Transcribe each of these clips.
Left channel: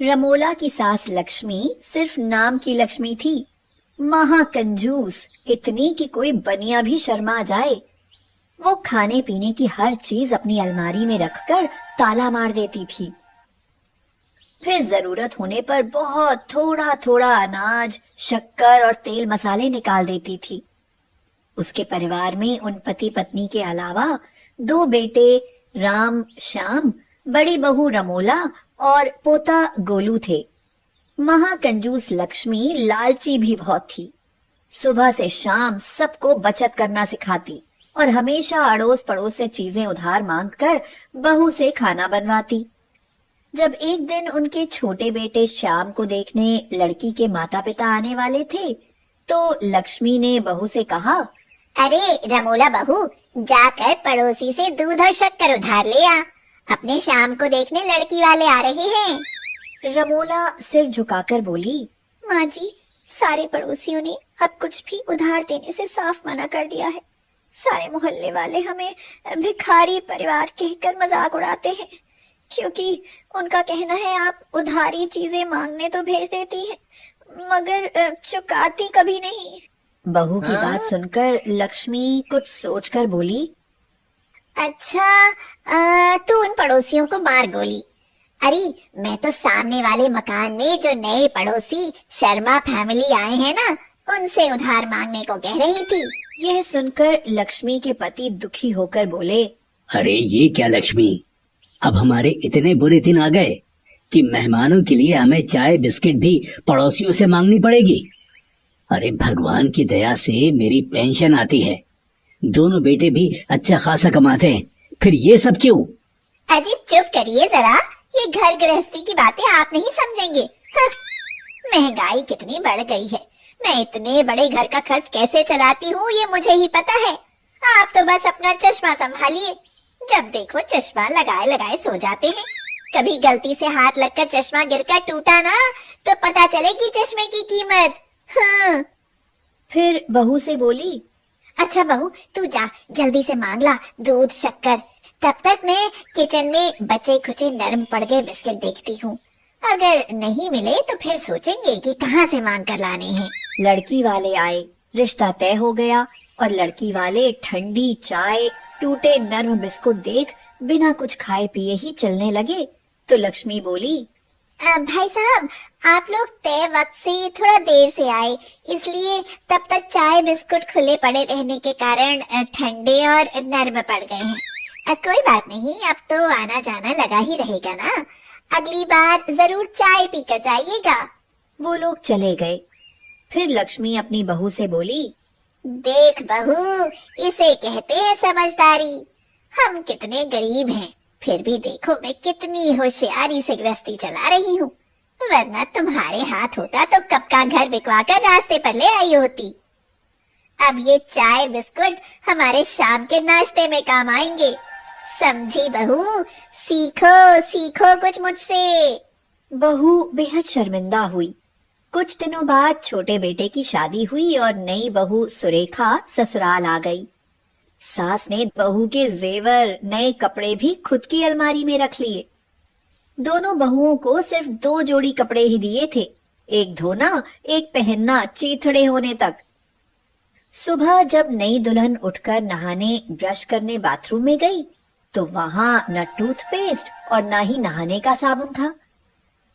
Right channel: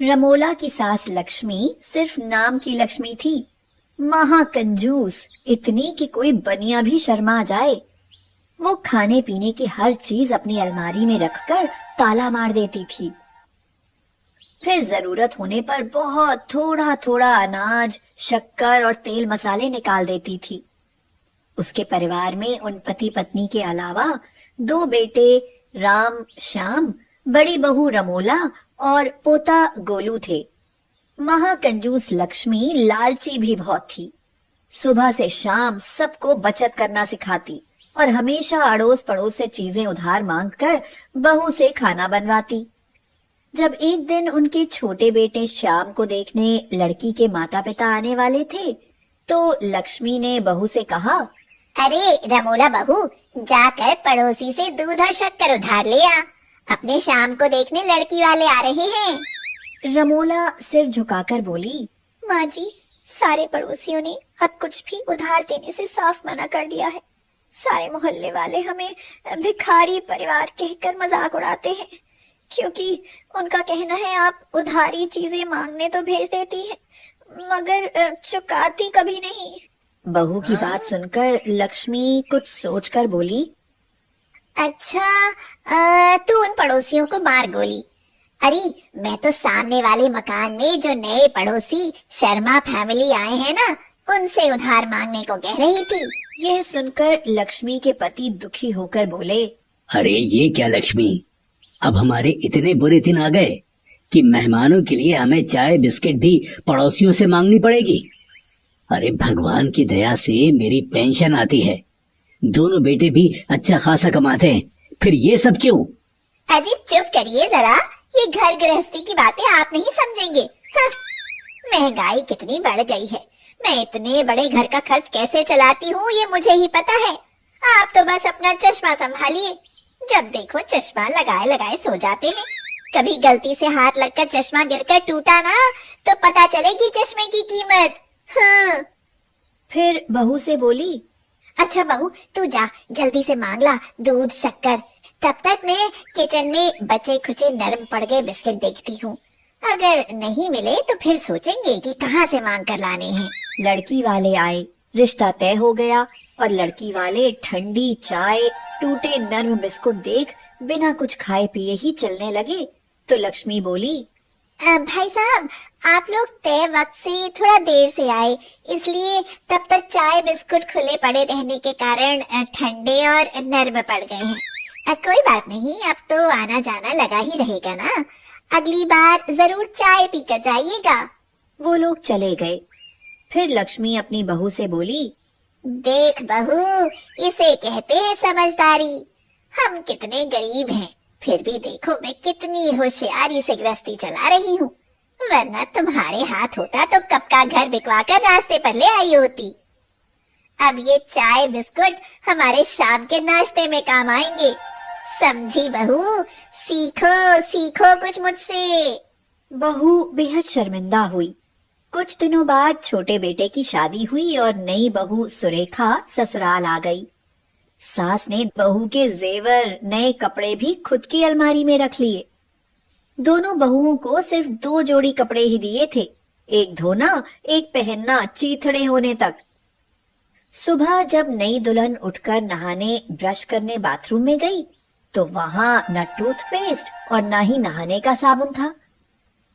रमोला की सास लक्ष्मी सिर्फ नाम की लक्ष्मी थी, महाकंजूस, इतनी कि कोई बनिया भी शर्मा जाए। वो खाने पीने की हर चीज अपनी अलमारी में रखकर ताला मार देती थी। फिर जरूरत होने पर बहुत थोड़ा थोड़ा अनाज, शक्कर और तेल मसाले निकाल देती थी। उसके परिवार में उन पति पत्नी के अलावा 2 बेटे राम, श्याम, बड़ी बहू रमोला और पोता गोलू थे। महाकंजूस लक्ष्मी लालची भी बहुत थी। सुबह से शाम सबको बचत करना सिखाती और हमेशा अड़ोस पड़ोस से चीजें उधार मांगकर बहू से खाना बनवाती। जब एक दिन उनके छोटे बेटे श्याम को देखने लड़की के माता पिता आने वाले थे, तो लक्ष्मी ने बहू से कहा, अरे रमोला बहू, जाकर पड़ोसी से दूध और शक्कर उधार ले आ। अपने शाम को देखने लड़की वाले आ रहे हैं। रमोला सिर झुकाकर बोली, माँ जी, सारे पड़ोसियों ने अब कुछ भी उधार देने से साफ मना कर दिया है। सारे मोहल्ले वाले हमें भिखारी परिवार कहकर मजाक उड़ाते हैं, क्योंकि उनका कहना है आप उधारी चीजें मांगने तो भेज देती हैं, मगर चुकाती कभी नहीं। बहू की बात सुनकर लक्ष्मी कुछ सोचकर बोली, अच्छा, तू उन पड़ोसियों को मार गोली। अरे मैं तो सामने वाले मकान में जो नए पड़ोसी शर्मा फैमिली आए हैं ना, उनसे उधार मांगने को कह रही थी। यह सुनकर लक्ष्मी के पति दुखी होकर बोले, अरे ये क्या लक्ष्मी, अब हमारे इतने बुरे दिन आ गए कि मेहमानों के लिए हमें चाय बिस्किट भी पड़ोसियों से मांगनी पड़ेगी। अरे भगवान की दया से मेरी पेंशन आती है, दोनों बेटे भी अच्छा खासा कमाते हैं, फिर ये सब क्यों? अजी चुप करिए जरा, ये घर गृहस्थी की बातें आप नहीं समझेंगे। महंगाई कितनी बढ़ गई है, मैं इतने बड़े घर का खर्च कैसे चलाती हूँ ये मुझे ही पता है। आप तो बस अपना चश्मा संभालिए, जब देखो चश्मा लगाए लगाए सो जाते हैं। कभी गलती से हाथ लगकर चश्मा गिरकर टूटा ना, तो पता चलेगी चश्मे की कीमत। फिर बहू से बोली, अच्छा बहू, तू जा जल्दी से मांग ला दूध शक्कर, तब तक मैं किचन में बचे खुचे नरम पड़ गए बिस्किट देखती हूँ। अगर नहीं मिले तो फिर सोचेंगे कि कहाँ से मांग कर लाने हैं। लड़की वाले आए, रिश्ता तय हो गया और लड़की वाले ठंडी चाय, टूटे नरम बिस्कुट देख बिना कुछ खाए पिए ही चलने लगे। तो लक्ष्मी बोली, भाई साहब, आप लोग तय वक्त से थोड़ा देर से आए, इसलिए तब तक चाय बिस्कुट खुले पड़े रहने के कारण ठंडे और नरम पड़ गए हैं। कोई बात नहीं, अब तो आना जाना लगा ही रहेगा ना, अगली बार जरूर चाय पीकर जाइएगा। वो लोग चले गए। फिर लक्ष्मी अपनी बहू से बोली, देख बहू, इसे कहते हैं समझदारी। हम कितने गरीब हैं, फिर भी देखो मैं कितनी होशियारी से गृहस्थी चला रही हूँ, वरना तुम्हारे हाथ होता तो कब का घर बिकवा कर रास्ते पर ले आई होती। अब ये चाय बिस्कुट हमारे शाम के नाश्ते में काम आएंगे, समझी बहू? सीखो सीखो कुछ मुझसे। बहू बेहद शर्मिंदा हुई। कुछ दिनों बाद छोटे बेटे की शादी हुई और नई बहू सुरेखा ससुराल आ गई। सास ने बहू के जेवर, नए कपड़े भी खुद की अलमारी में रख लिए। दोनों बहुओं को सिर्फ 2 जोड़ी कपड़े ही दिए थे, एक धोना एक पहनना चीथड़े होने तक। सुबह जब नई दुल्हन उठकर नहाने ब्रश करने बाथरूम में गई, तो वहां न टूथपेस्ट और न ही नहाने का साबुन था।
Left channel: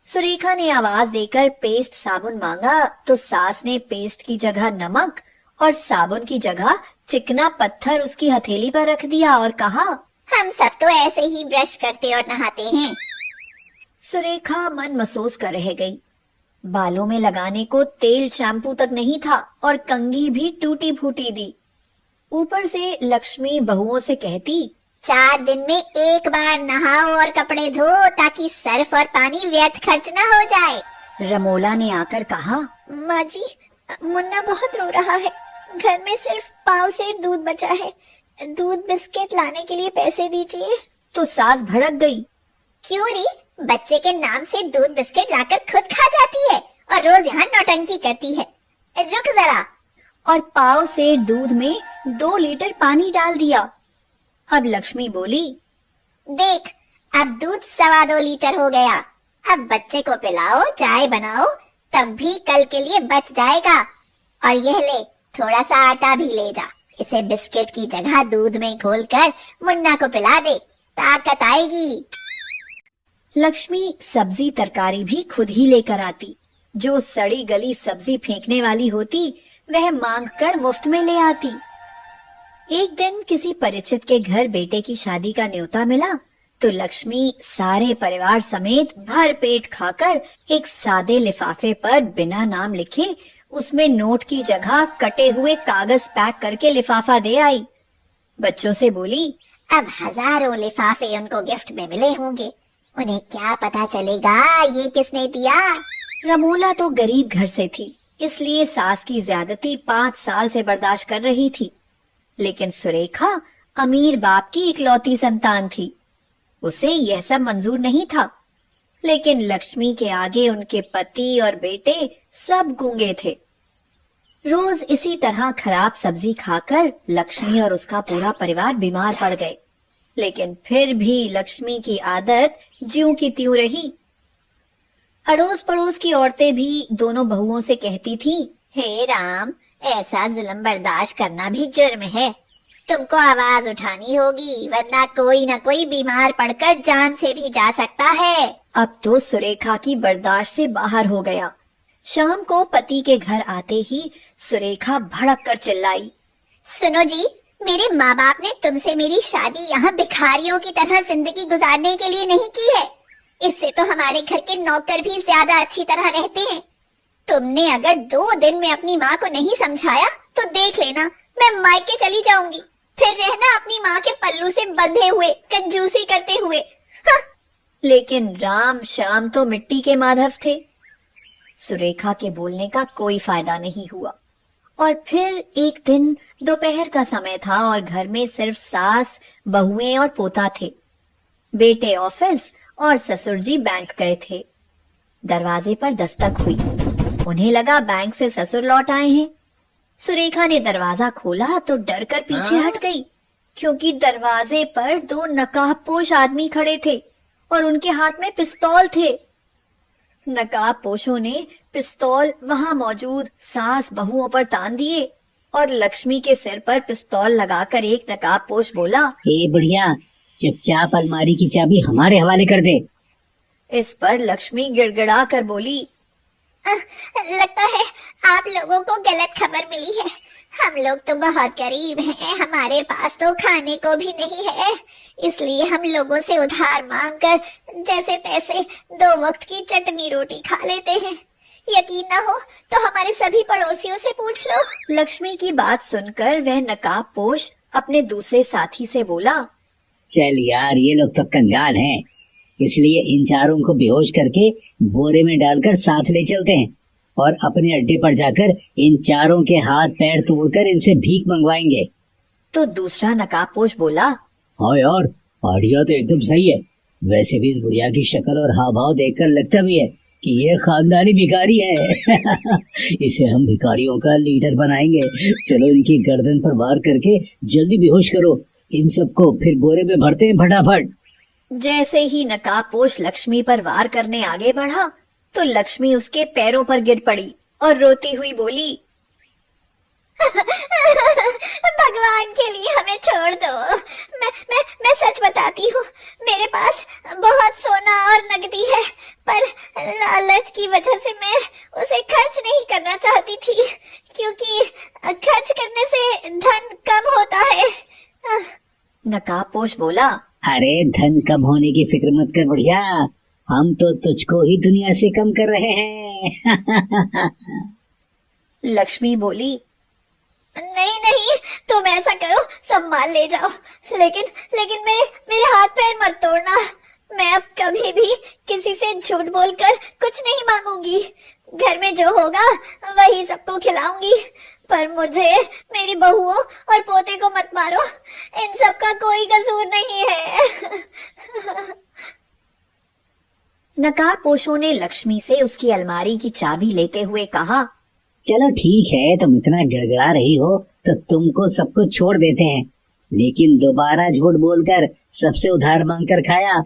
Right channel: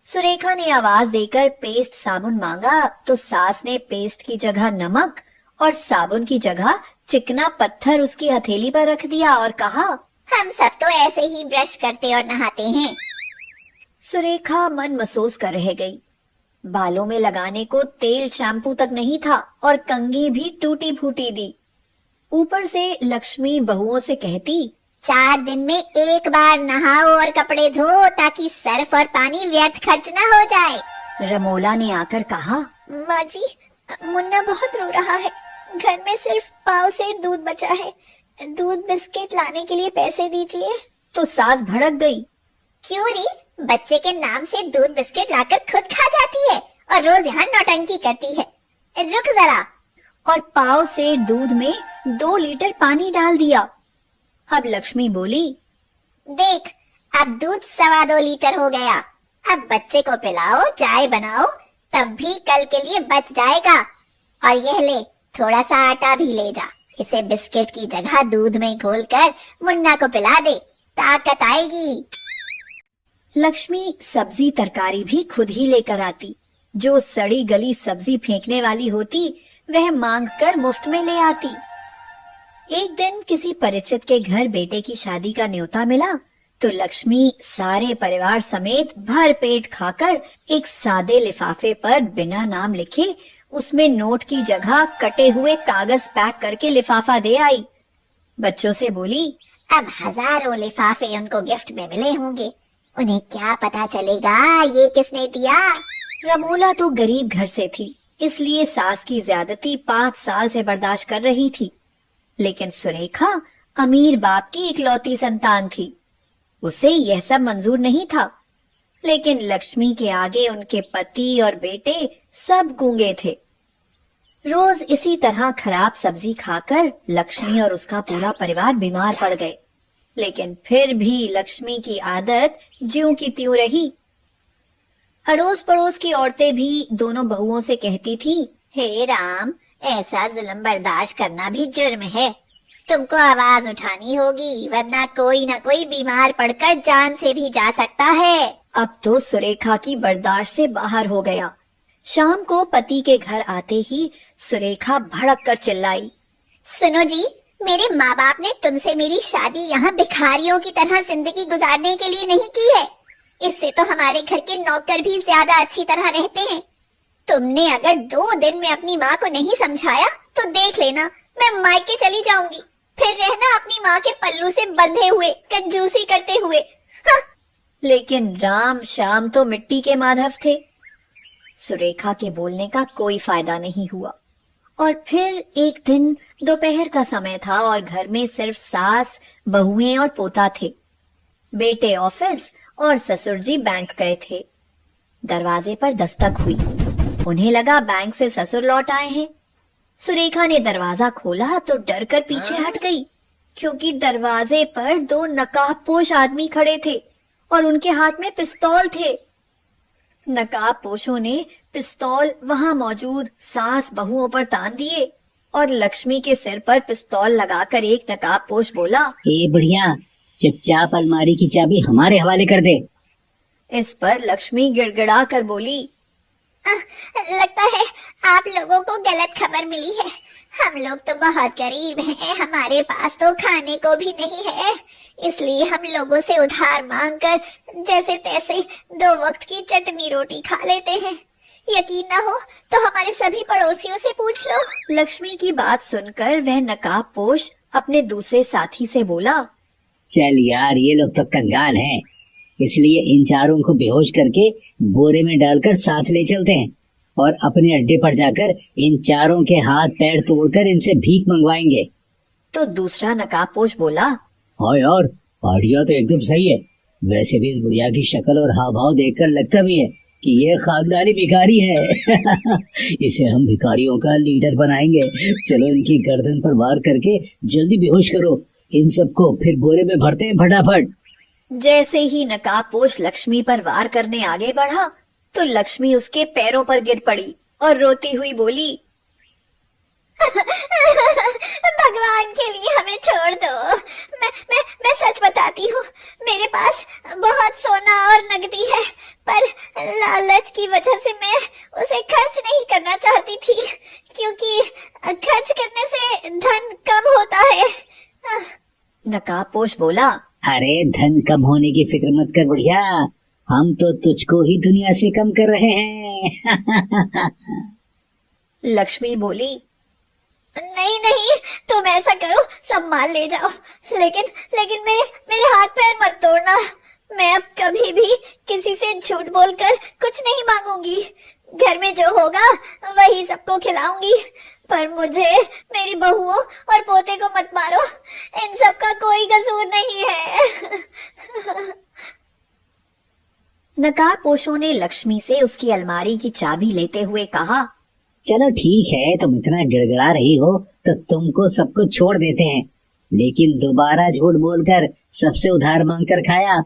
सुरेखा ने आवाज देकर पेस्ट साबुन मांगा, तो सास ने पेस्ट की जगह नमक और साबुन की जगह चिकना पत्थर उसकी हथेली पर रख दिया और कहा, हम सब तो ऐसे ही ब्रश करते और नहाते हैं। सुरेखा मन महसूस कर रह गई। बालों में लगाने को तेल शैम्पू तक नहीं था और कंघी भी टूटी फूटी दी। ऊपर से लक्ष्मी बहुओं से कहती, 4 दिन में एक बार नहाओ और कपड़े धो, ताकि सर्फ और पानी व्यर्थ खर्च न हो जाए। रमोला ने आकर कहा, माँ जी, मुन्ना बहुत रो रहा है, घर में सिर्फ पाव से दूध बचा है, दूध बिस्किट लाने के लिए पैसे दीजिए। तो सास भड़क गई, क्यों री, बच्चे के नाम से दूध बिस्किट लाकर खुद खा जाती है और रोज यहाँ नौटंकी करती है। रुक जरा। और पाव से दूध में 2 लीटर पानी डाल दिया। अब लक्ष्मी बोली, देख, अब दूध 2.25 लीटर हो गया। अब बच्चे को पिलाओ, चाय बनाओ, तब भी कल के लिए बच जाएगा। और यह ले, थोड़ा सा आटा भी ले जा। इसे बिस्किट की जगह दूध में घोलकर मुन्ना को पिला दे, ताकत आएगी। लक्ष्मी सब्जी तरकारी भी खुद ही लेकर आती। जो सड़ी गली सब्जी फेंकने वाली होती, वह मांग कर मुफ्त में ले आती। एक दिन किसी परिचित के घर बेटे की शादी का न्योता मिला, तो लक्ष्मी सारे परिवार समेत भर पेट खाकर एक सादे लिफाफे पर बिना नाम लिखे उसमें नोट की जगह कटे हुए कागज पैक करके लिफाफा दे आई। बच्चों से बोली, अब हजारों लिफाफे उनको गिफ्ट में मिले होंगे, उन्हें क्या पता चलेगा ये किसने दिया। रमोला तो गरीब घर से थी, इसलिए सास की ज्यादती 5 साल से बर्दाश्त कर रही थी। लेकिन सुरेखा अमीर बाप की इकलौती संतान थी, उसे यह सब मंजूर नहीं था। लेकिन लक्ष्मी के आगे उनके पति और बेटे सब गूंगे थे। रोज इसी तरह खराब सब्जी खाकर लक्ष्मी और उसका पूरा परिवार बीमार पड़ गए। लेकिन फिर भी लक्ष्मी की आदत ज्यों की त्यों रही। अड़ोस पड़ोस की औरतें भी दोनों बहुओं से कहती थीं, हे राम, ऐसा जुल्म बर्दाश्त करना भी जुर्म है। तुमको आवाज उठानी होगी, वरना कोई न कोई बीमार पड़कर जान से भी जा सकता है। अब तो सुरेखा की बर्दाश्त से बाहर हो गया। शाम को पति के घर आते ही सुरेखा भड़क कर चिल्लाई, सुनो जी, मेरे माँ बाप ने तुमसे मेरी शादी यहाँ भिखारियों की तरह जिंदगी गुजारने के लिए नहीं की है। इससे तो हमारे घर के नौकर भी ज्यादा अच्छी तरह रहते हैं। तुमने अगर 2 दिन में अपनी माँ को नहीं समझाया तो देख लेना, मैं मायके चली जाऊंगी। फिर रहना अपनी माँ के पल्लू से बंधे हुए, कंजूसी करते हुए। हाँ। लेकिन राम श्याम तो मिट्टी के माधव थे। सुरेखा के बोलने का कोई फायदा नहीं हुआ। और फिर एक दिन दोपहर का समय था और घर में सिर्फ सास, बहुएं और पोता थे। बेटे ऑफिस और ससुर जी बैंक गए थे। दरवाजे पर दस्तक हुई। उन्हें लगा बैंक से ससुर लौट आए हैं। सुरेखा ने दरवाजा खोला तो डर कर पीछे हट गई, क्योंकि दरवाजे पर 2 नकाबपोश आदमी खड़े थे और उनके हाथ में पिस्तौल थे। नकाबपोशों ने पिस्तौल वहां मौजूद सास बहुओं पर तान दिए और लक्ष्मी के सिर पर पिस्तौल लगाकर एक नकाबपोश बोला, हे बढ़िया, चुपचाप अलमारी की चाबी हमारे हवाले कर दे। इस पर लक्ष्मी गिड़गिड़ा कर बोली, लगता है आप लोगों को गलत खबर मिली है। हम लोग तो बहुत गरीब हैं, हमारे पास तो खाने को भी नहीं है, इसलिए हम लोगों से उधार मांगकर जैसे तैसे 2 वक्त की चटनी रोटी खा लेते हैं। यकीन न हो तो हमारे सभी पड़ोसियों से पूछ लो। लक्ष्मी की बात सुनकर वह नकाबपोश अपने दूसरे साथी से बोला, चल यार, ये लोग तो कंगाल हैं, इसलिए इन चारों को बेहोश करके बोरे में डालकर साथ ले चलते हैं और अपने अड्डे पर जाकर इन चारों के हाथ पैर तोड़कर इनसे भीख मंगवाएंगे। तो दूसरा नकाबपोश बोला, हाँ यार, आइडिया तो एकदम सही है। वैसे भी इस बुढ़िया की शक्ल और हाव भाव देखकर लगता भी है कि ये खानदानी भिखारी है। इसे हम भिखारियों का लीडर बनाएंगे। चलो इनकी गर्दन पर वार करके जल्दी बेहोश करो इन सबको, फिर बोरे में भरते हैं फटाफट। जैसे ही नकाबपोश लक्ष्मी पर वार करने आगे बढ़ा तो लक्ष्मी उसके पैरों पर गिर पड़ी और रोती हुई बोली, भगवान के लिए हमें छोड़ दो। मैं सच बताती हूँ, मेरे पास बहुत सोना और नकदी है, पर लालच की वजह से मैं उसे खर्च नहीं करना चाहती थी, क्योंकि खर्च करने से धन कम होता है। नकाबपोश बोला, अरे धन कम होने की फिक्र मत कर बढ़िया, हम तो तुझको ही दुनिया से कम कर रहे हैं। लक्ष्मी बोली, नहीं, तुम ऐसा करो, सब माल ले जाओ, लेकिन मेरे हाथ पैर मत तोड़ना। मैं अब कभी भी किसी से झूठ बोलकर कुछ नहीं मांगूंगी। घर में जो होगा वही सबको खिलाऊंगी, पर मुझे, मेरी बहुओं और पोते को मत मारो, इन सब का कोई कसूर नहीं है। नकाबपोशों ने लक्ष्मी से उसकी अलमारी की चाबी लेते हुए कहा, चलो ठीक है, तुम इतना गिड़गिड़ा रही हो तो तुमको सब कुछ छोड़ देते हैं, लेकिन दोबारा झूठ बोलकर सबसे उधार मांग कर खाया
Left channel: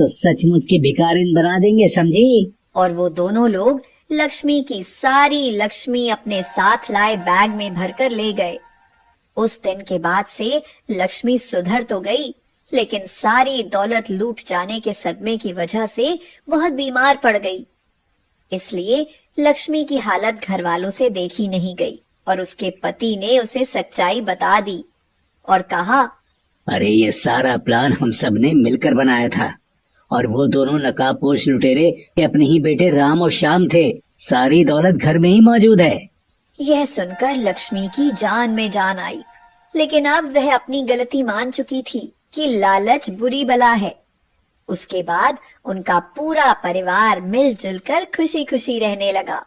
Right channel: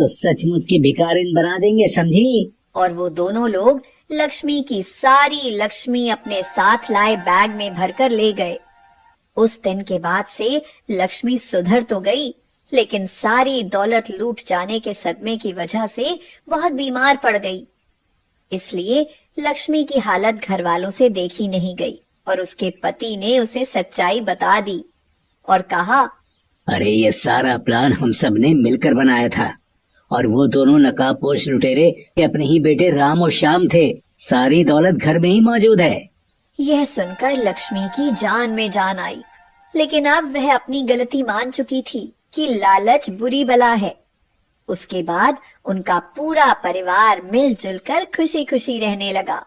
तो सचमुच के भिखारिन बना देंगे, समझी। और वो दोनों लोग लक्ष्मी की सारी लक्ष्मी अपने साथ लाए बैग में भरकर ले गए। उस दिन के बाद से लक्ष्मी सुधर तो गई, लेकिन सारी दौलत लूट जाने के सदमे की वजह से बहुत बीमार पड़ गई। इसलिए लक्ष्मी की हालत घर वालों से देखी नहीं गई और उसके पति ने उसे सच्चाई बता दी और कहा, अरे ये सारा प्लान हम सब ने मिलकर बनाया था और वो दोनों नकाबपोश लुटेरे ये अपने ही बेटे राम और श्याम थे। सारी दौलत घर में ही मौजूद है। यह सुनकर लक्ष्मी की जान में जान आई, लेकिन अब वह अपनी गलती मान चुकी थी कि लालच बुरी बला है। उसके बाद उनका पूरा परिवार मिलजुल कर खुशी खुशी रहने लगा।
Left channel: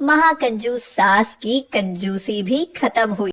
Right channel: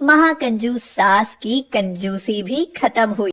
महाकंजूस सास की कंजूसी भी खत्म हुई।